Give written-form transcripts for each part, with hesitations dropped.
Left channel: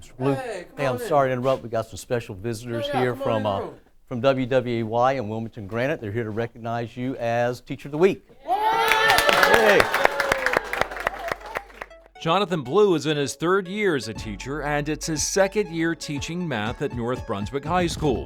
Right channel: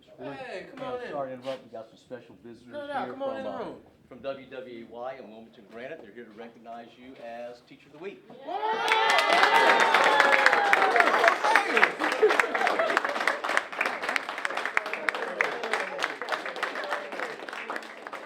Mr. Blue. Hey, I'm sorry to interrupt. We got some special visitors here from WWAY and Wilmington Granite. They're here to recognize you as Teacher of the Week. Hey. Jonathan Blue is in his 3rd year as a teacher, and it's his 2nd year teaching math at North Brunswick High School.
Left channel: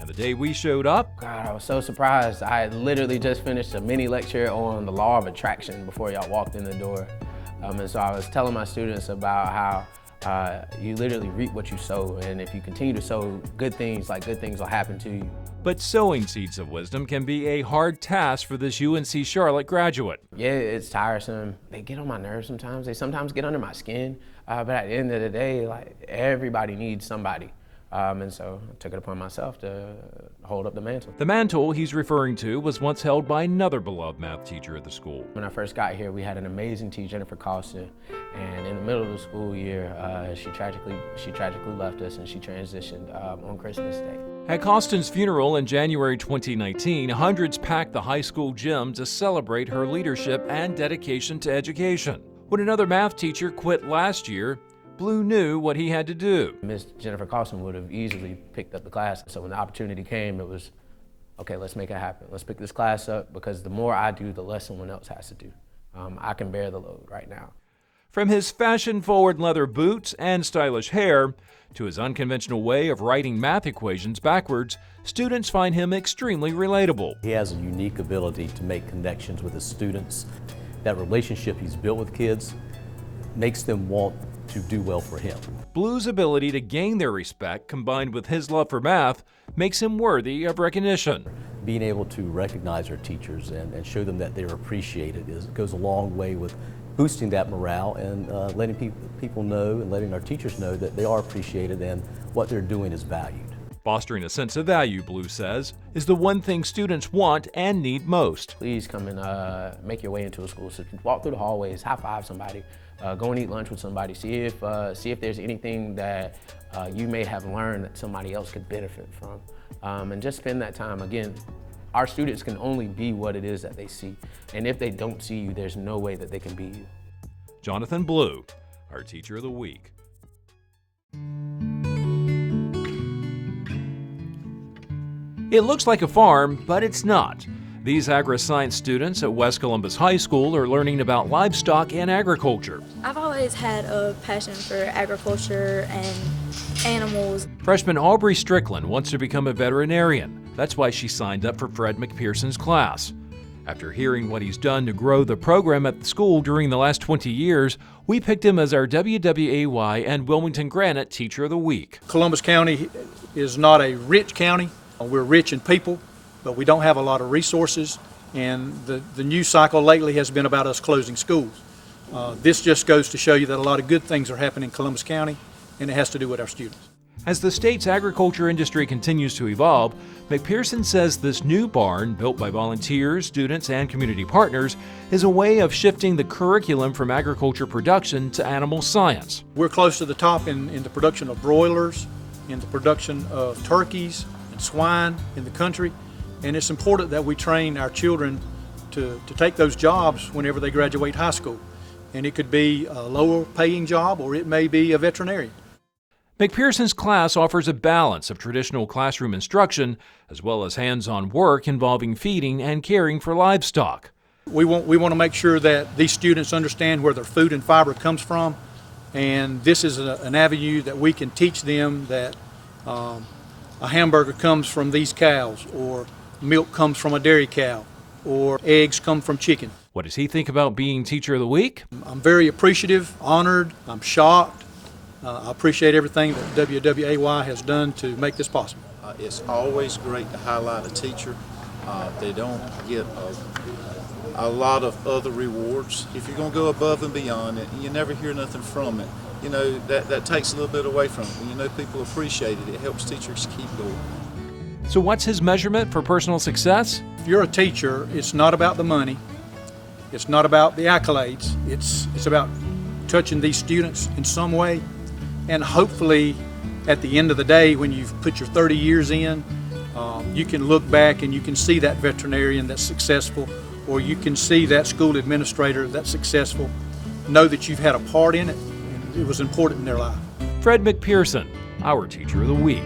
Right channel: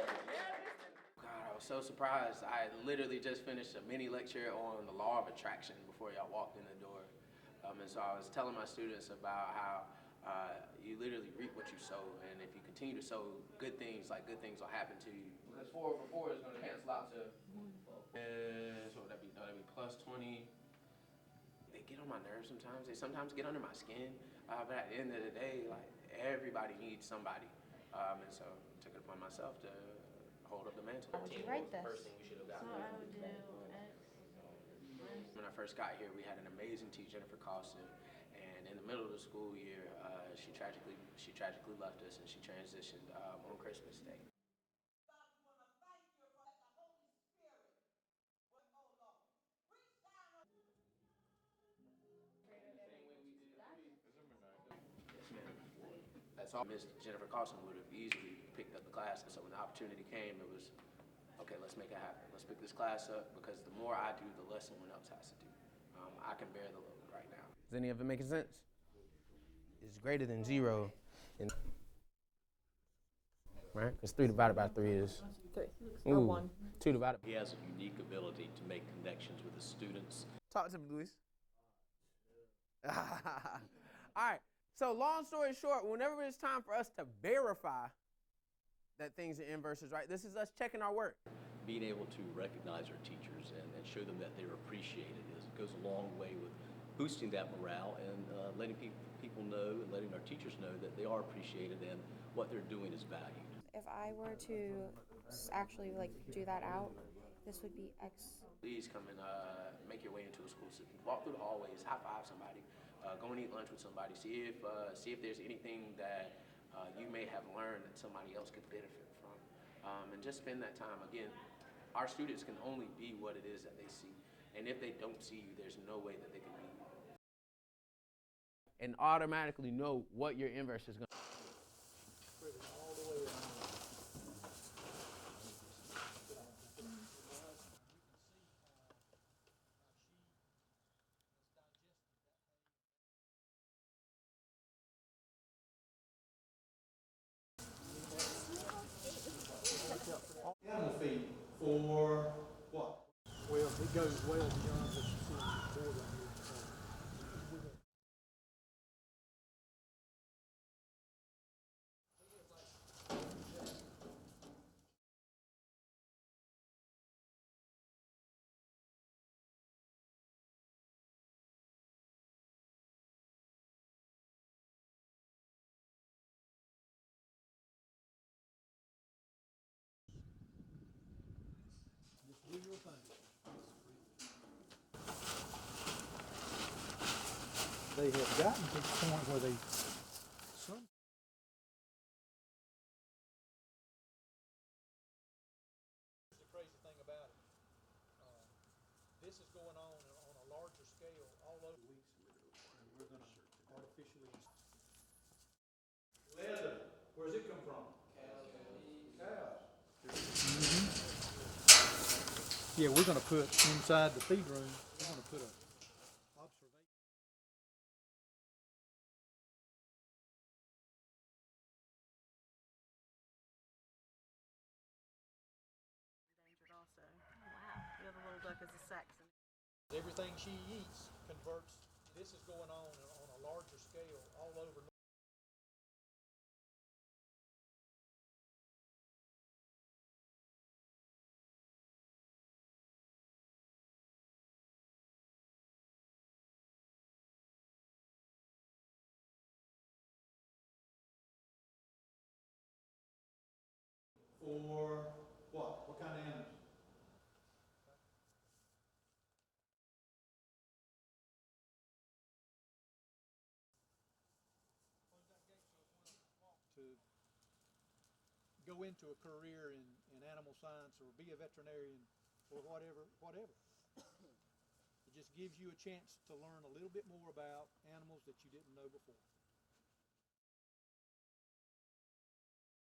And the day we showed up, God, I was so surprised. I had literally just finished a mini lecture on the law of attraction before y'all walked in the door. And so I was telling my students about how you literally reap what you sow, and if you continue to sow good things, like good things will happen to you. but sowing seeds of wisdom can be a hard task for this UNC Charlotte graduate. Yeah, it's tiresome. They get on my nerves sometimes. They sometimes get under my skin. But at the end of the day, like, everybody needs somebody. And so I took it upon myself to hold up the mantle. The mantle he's referring to was once held by another beloved math teacher at the school. When I first got here, we had an amazing teacher, Jennifer Costin, and in the middle of the school year, she tragically left us, and she transitioned on Christmas Day. At Costin's funeral in January 2019, hundreds packed the high school gym to celebrate her leadership and dedication to education. When another math teacher quit last year, Blue knew what he had to do. Miss Jennifer Costin would have easily picked up the class. So when the opportunity came, it was, okay, let's make it happen. Let's pick this class up, because the more I do, the less someone else has to do. I can bear the load right now. From his fashion-forward leather boots and stylish hair to his unconventional way of writing math equations backwards, students find him extremely relatable. He has a unique ability to make connections with his students. That relationship he's built with kids makes them want to do well for him. Blue's ability to gain their respect, combined with his love for math, makes him worthy of recognition. Being able to recognize our teachers and show them that they're appreciated goes a long way with boosting that morale and letting people know and letting our teachers know that they are appreciated and what they're doing is valued. Fostering a sense of value, Blue says, is the one thing students want and need most. Please come and make your way into a school. So walk through the hallways, high five somebody, go and eat lunch with somebody, see if there's anything that you may have learned that somebody else could benefit from. And just spend that time. Again, our students can only be what it is that they see. And if they don't see you, there's no way that they can be you. Jonathan Blue, our Teacher of the Week. Know what your inverse is going. It looks like a farm, but it's not. These agri-science students at West Columbus High School are learning about livestock and agriculture. I've always had a passion for agriculture and animals. Freshman Aubrey Strickland wants to become a veterinarian. That's why she signed up for Fred McPherson's class. After hearing what he's done to grow the program at the school during the last 20 years, we picked him as our WWAY and Wilmington Granite Teacher of the Week. Columbus County is not a rich county. We're rich in people, but we don't have a lot of resources, and the news cycle lately has been about us closing schools. This just goes to show you that a lot of good things are happening in Columbus County, and it has to do with our students. As the state's agriculture industry continues to evolve, McPherson says this new barn, built by volunteers, students, and community partners, is a way of shifting the curriculum from agriculture production to animal science. We're close to the top in the production of broilers, in the production of turkeys and swine in the country, and it's important that we train our children to take those jobs whenever they graduate high school. And it could be a lower paying job, or it may be a veterinarian. McPherson's class offers a balance of traditional classroom instruction as well as hands-on work involving feeding and caring for livestock. We want to make sure that these students understand where their food and fiber comes from, and this is an avenue that we can teach them that a hamburger comes from these cows, or milk comes from a dairy cow, or eggs come from chicken. What does he think about being Teacher of the Week? I'm very appreciative, honored, I'm shocked. I appreciate everything that WWAY has done to make this possible. It's always great to highlight a teacher. They don't get a lot of other rewards. If you're going to go above and beyond it, you never hear nothing from it. You know, that takes a little bit away from it. When you know people appreciate it, it helps teachers keep going. So what's his measurement for personal success? If you're a teacher, it's not about the money. It's not about the accolades. It's about touching these students in some way. And hopefully, at the end of the day, when you've put your 30 years in, you can look back and you can see that veterinarian that's successful, or you can see that school administrator that's successful, know that you've had a part in it, and it was important in their life. Fred McPherson, our Teacher of the Week.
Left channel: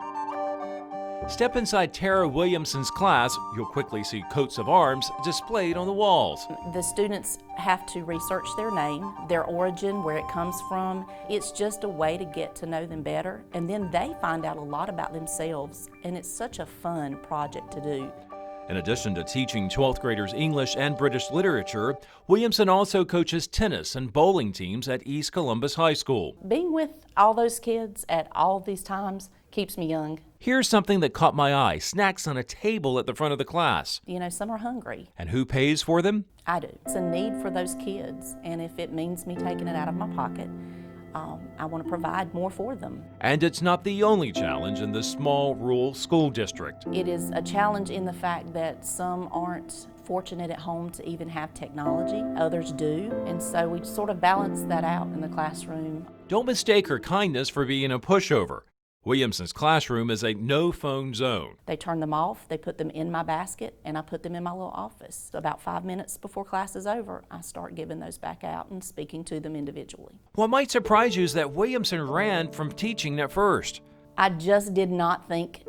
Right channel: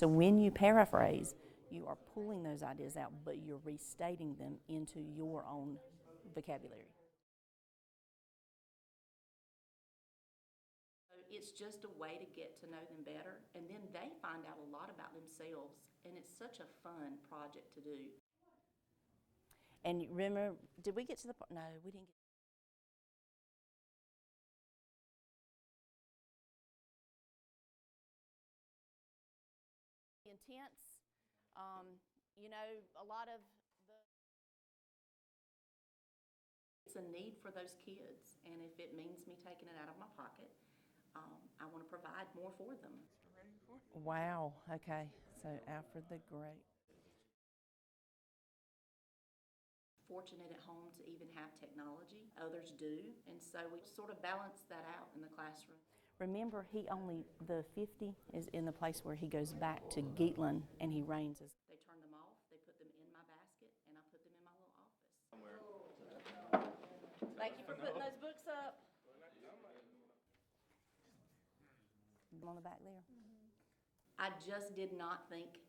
So when you paraphrase, Step inside Tara Williamson's class, you'll quickly see coats of arms displayed on the walls. the students have to research their name, their origin, where it comes from. It's just a way to get to know them better, and then they find out a lot about themselves, and it's such a fun project to do. In addition to teaching 12th graders English and British literature, Williamson also coaches tennis and bowling teams at East Columbus High School. Being with all those kids at all these times keeps me young. Here's something that caught my eye: snacks on a table at the front of the class. You know, some are hungry. And who pays for them? I do. It's a need for those kids, and if it means me taking it out of my pocket, I want to provide more for them. And it's not the only challenge in this small rural school district. It is a challenge in the fact that some aren't fortunate at home to even have technology, others do, and so we sort of balance that out in the classroom. Don't mistake her kindness for being a pushover. Williamson's classroom is a no-phone zone. They turn them off, they put them in my basket, and I put them in my little office. About 5 minutes before class is over, I start giving those back out and speaking to them individually. What might surprise you is that Williamson ran from teaching at first. I just did not think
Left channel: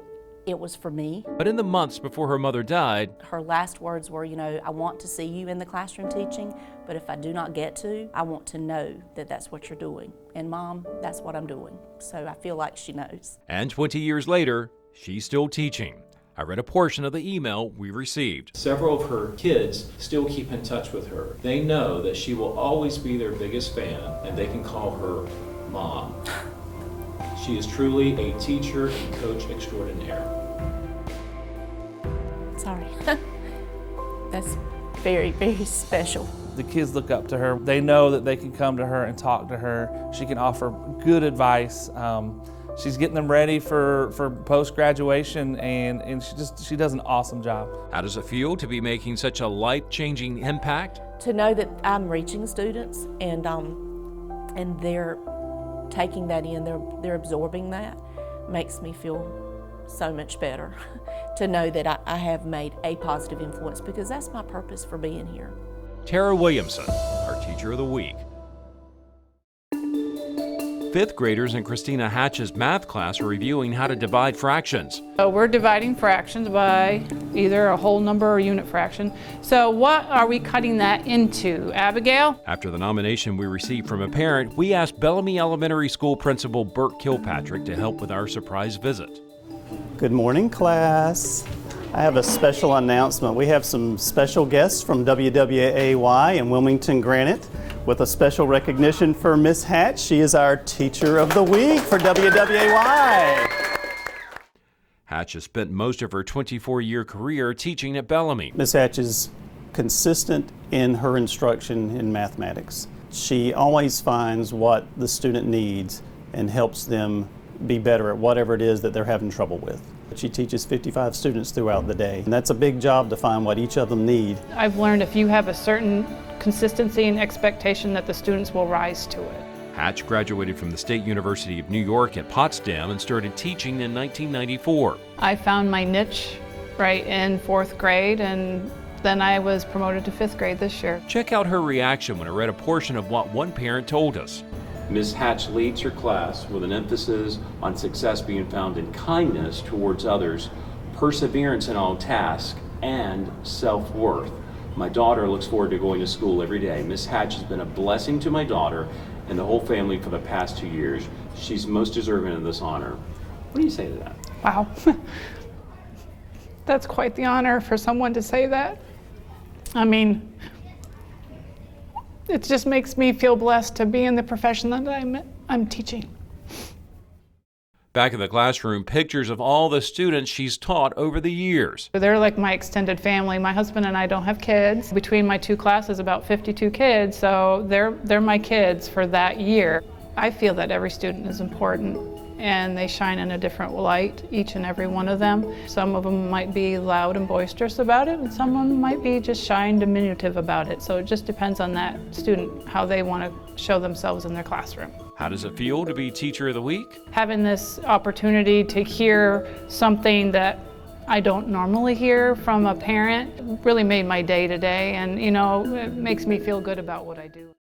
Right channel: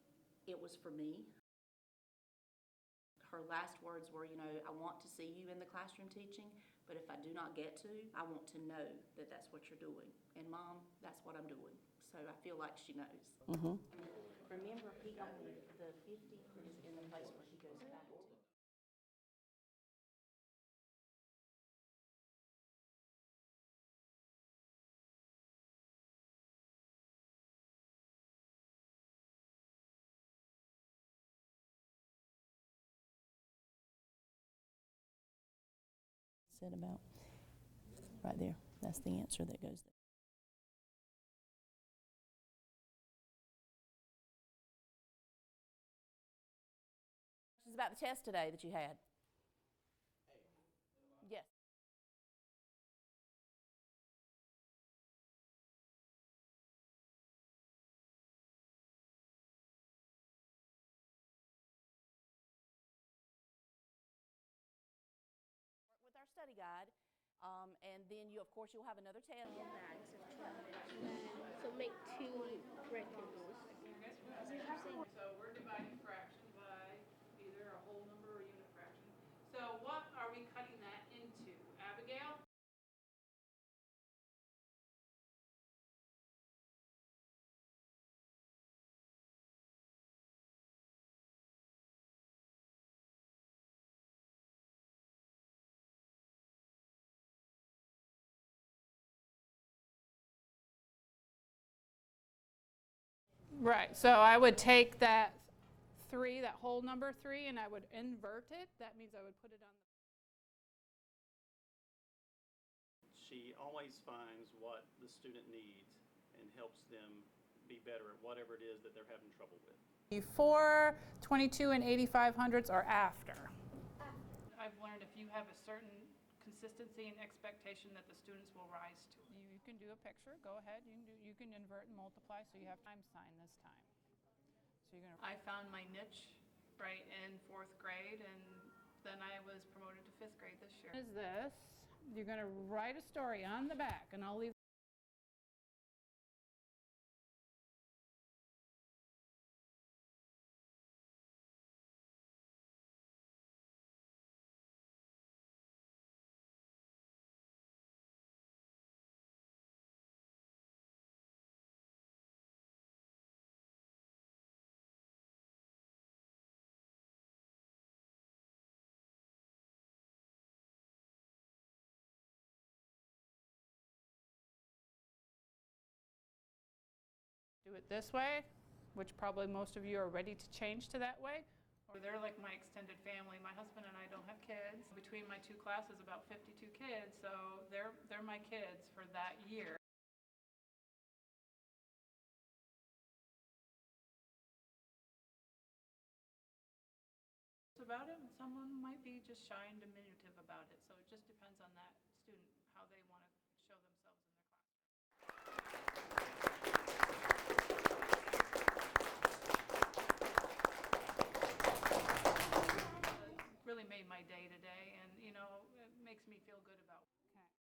it was for me. But in the months before her mother died, Her last words were, you know, I want to see you in the classroom teaching, but if I do not get to, I want to know that that's what you're doing. And Mom, that's what I'm doing. So I feel like she knows. and 20 years later, she's still teaching. I read a portion of the email we received. Several of her kids still keep in touch with her. They know that she will always be their biggest fan, and they can call her Mom. She is truly a teacher and coach extraordinaire. Sorry. That's very, very special. The kids look up to her. They know that they can come to her and talk to her. She can offer good advice. She's getting them ready for post-graduation, and she does an awesome job. How does it feel to be making such a life-changing impact? To know that I'm reaching students and they're taking that in, they're absorbing that, makes me feel so much better. To know that I have made a positive influence, because that's my purpose for being here. Tara Williamson, our Teacher of the Week. Fifth graders in Christina Hatch's math class are reviewing how to divide fractions. So we're dividing fractions by either a whole number or unit fraction. So what are we cutting that into, Abigail? After the nomination we received from a parent, we asked Bellamy Elementary School Principal Burt Kilpatrick to help with our surprise visit. Good morning, class. I have a special announcement. We have some special guests from WWAY in Wilmington Granite with a special recognition for Miss Hatch. She is our Teacher of the Week for WWAY. So I would take that. Hatch has spent most of her 24-year career teaching at Bellamy. Miss Hatch is consistent in her instruction in mathematics. She always finds what the student needs and helps them be better at whatever it is that they're having trouble with. She teaches 55 students throughout the day, and that's a big job to find what each of them need. I've learned if you have a certain consistency and expectation that the students will rise to it. Hatch graduated from the State University of New York at Potsdam and started teaching in 1994. I found my niche right in 4th grade, and then I was promoted to 5th grade this year. Check out her reaction when I read a portion of what one parent told us. Ms. Hatch leads her class with an emphasis on success being found in kindness towards others, perseverance in all tasks, and self-worth. My daughter looks forward to going to school every day. Ms. Hatch has been a blessing to my daughter and the whole family for the past 2 years. She's most deserving of this honor. What do you say to that? Wow. That's quite the honor for someone to say that. I mean, it just makes me feel blessed to be in the profession that I'm teaching. Back in the classroom, pictures of all the students she's taught over the years. They're like my extended family. My husband and I don't have kids. Between my two classes, about 52 kids, so they're my kids for that year. I feel that every student is important, and they shine in a different light, each and every one of them. Some of them might be loud and boisterous about it, and some of them might be just shy and diminutive about it. So it just depends on that student, how they want to show themselves in their classroom. How does it feel to be Teacher of the Week? Having this opportunity to hear something that I don't normally hear from a parent really made my day today, and you know, it makes me feel good about what I do.